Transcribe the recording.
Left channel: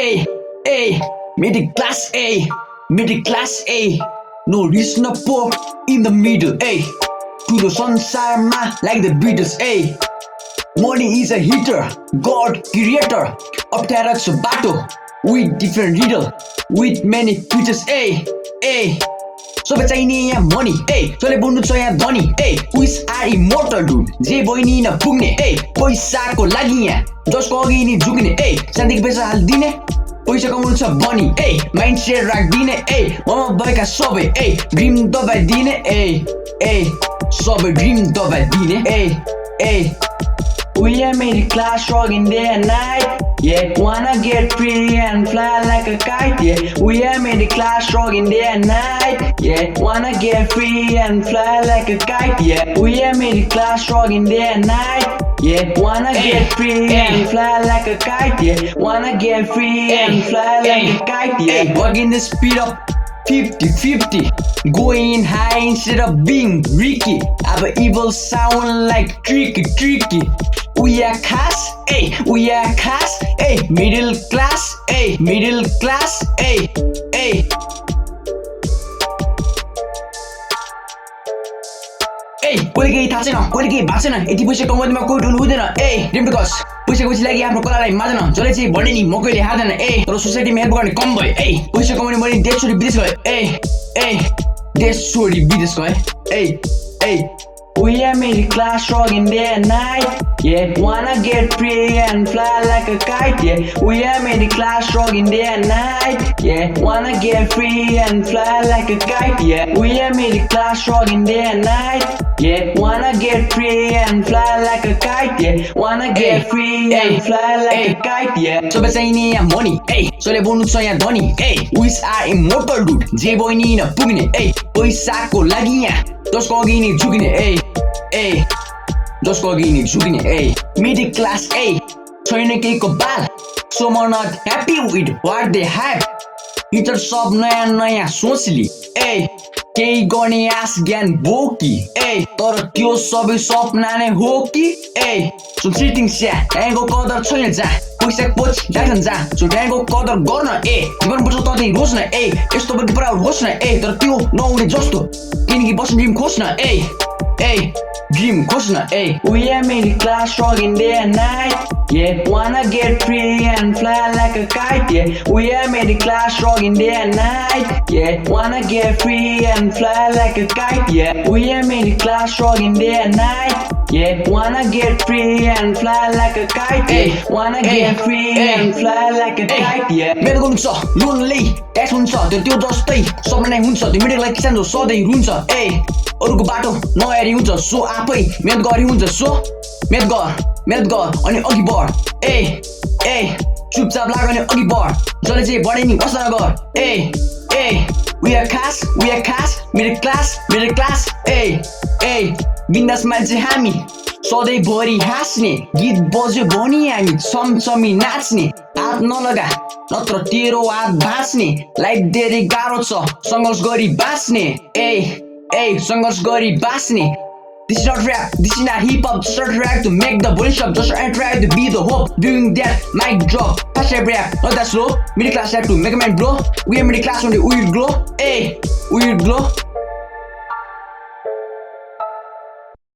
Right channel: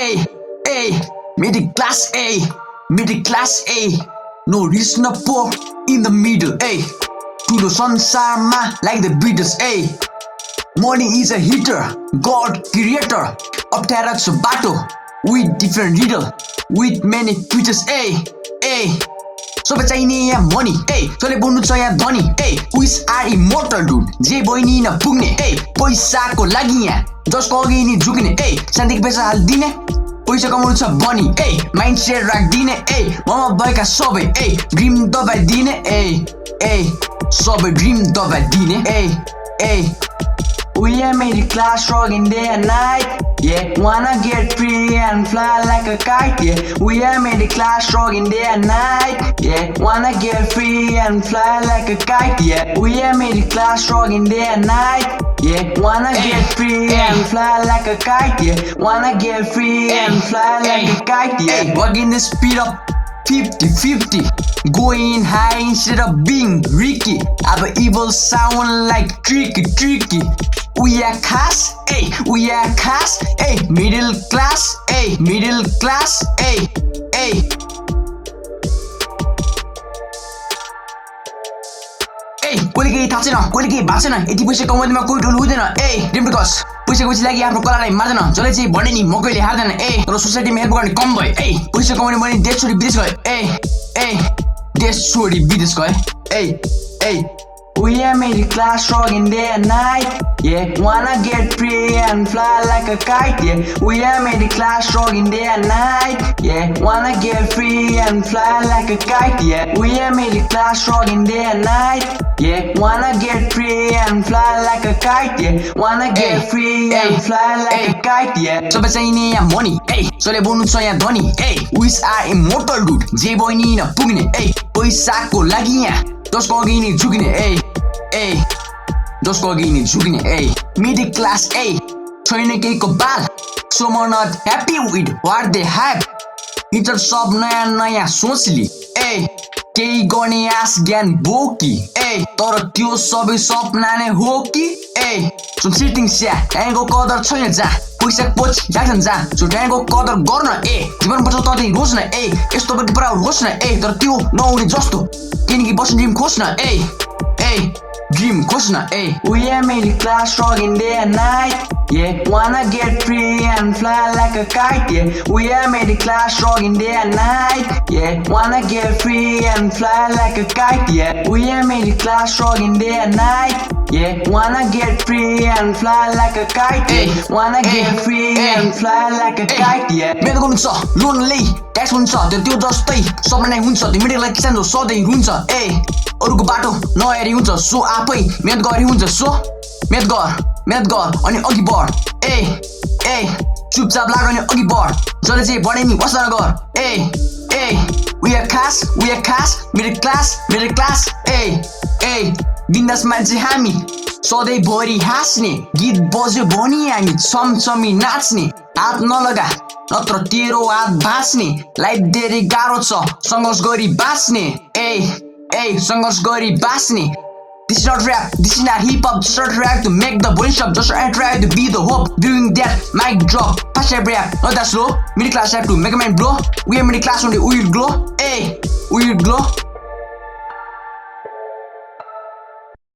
A, A, middle class A, middle class A. No rich, no poor, in the middle A. To the संसारमा like the Beatles A. Money is a hitter, God creator. अप्ठ्यारो छ बाटो with different riddle, with many features A, A. सबै चाहिने यहाँ money A. जसले बोल्नु छ यहाँ धनी A. Which are immortal dude, जे बहिनी नपुग्ने A. पैसाको लागि यहाँ जसको अघि नि झुक्ने A. शान्तिको पैसा हालिदिने पैसा कमाउनु छ बनी ए माइन्ड सेट राख्दिने ए ममा भएका सबै ए ड्रिम दबाइदिने ए ए सबै ड्रिम दबाइदिने ए ए We are middle class rocking day and night. Yeah, wanna get free and fly like a kite. Yeah, we are middle class rocking day and night. Yeah, wanna get free and fly like a kite. Yeah, we are middle class rocking day and night. Yeah, wanna get free and fly like a kite. Yeah, wanna get free and fly like a kite. Yeah, walking the speed up 50-50, going high instead of being Ricky. Our evil sound like tricky. We are class, A, we are class, A, middle class, A, middle class, A, A. कोले केही थाहा छैन कोले केही भएको छैन यति पैसा कमाउँदैमा कोही ढुल हुँदैन ए ड्रिम टु कस पैसाको पछि लागि आफ्नो कलालाई मार्दैन जसले चाहिँ भने नि म कहिले हार्दैन ए तर सोसाइटीमा हेल्प गर्ने कम भयो ए पैसा कमाउने भने देश छोडी विदेश गयो ए देश छोडी विदेश गयो ए We are middle class rocking day and night. Yeah, wanna get free and fly like a kite. Yeah, we are middle class rocking day and night. Yeah, wanna get free and fly like a kite. Yeah, we are middle class rocking day and night. Yeah, wanna get free and fly like a kite. Yeah, wanna get free and fly like a kite. Yeah. सबै चाहिने यहाँ money. जसले बोल्नु छ यहाँ धनी. Which are immortal dude. जे बहिनी नपुग्ने. पैसाको लागि यहाँ जसको अघि नि झुक्ने ए जसको अघि नि झुक्ने ए मिडल क्लास ए छैन केहीको बाल सो म not happy with what they have हिटर सब नयाँ सोचली ए केही गर्ने आस ज्ञान बोकी ए तर त्यो सबै सपना नै हो कि ए सो सिटिङ स्या ड्याङको कदर छैन जा पैसा कोच जान्छन् जा सो ड्याङको कदर गर्न ए जीवन पर्छ ततै रोज्न ए यस्तो पनि पुरा होस् न ए तर त्यो नहुने जस्तो किनकि बस्ने ड्रिम खोज्न ए ड्रिम खोज्न ए We are middle class rocking day and night. Yeah, wanna get free and fly like a kite. Yeah, we are middle class rocking day and night. Yeah, wanna get free and fly like a kite. Yeah, we are middle class rocking day and night. Yeah, wanna get free and fly like a kite. Yeah, wanna get free and fly like a kite. Yeah. मेरो हुन्छ lonely tax हुन्छ त्यो जस्तै सबै नै हुन्छ त्यो middle like किसान सधैँ हुन्छ ए अरूको बाटो नहेरी हुन्छ सो आफै मेहनत गरी हुन्छ सो मेहनत गर अनि अघि बढ ए चुपचाप लाग अनि अघि बढ जसले चाहिँ बढे नि बस्न गर ए we are class middle class ए बिन्दास मान्छे हामी सधैँ भरि हाँस्ने गीत बज्यो भनी हामी छमछमी नाच्ने हात नलगा नत्र तेरो हात भाँच्ने लाइफ धेरै गाह्रो छ सङ्घर्ष गरी बाँच्ने ए सङ्घर्ष गरी बाँच्ने This is not rap, this is not hip hop, just a track to make the body shop, just a track to be the hope. Doing that, mic drop, fast rap, not that slow. Middle class rap to make a man blow. We are middle class only, we will glow. We will glow.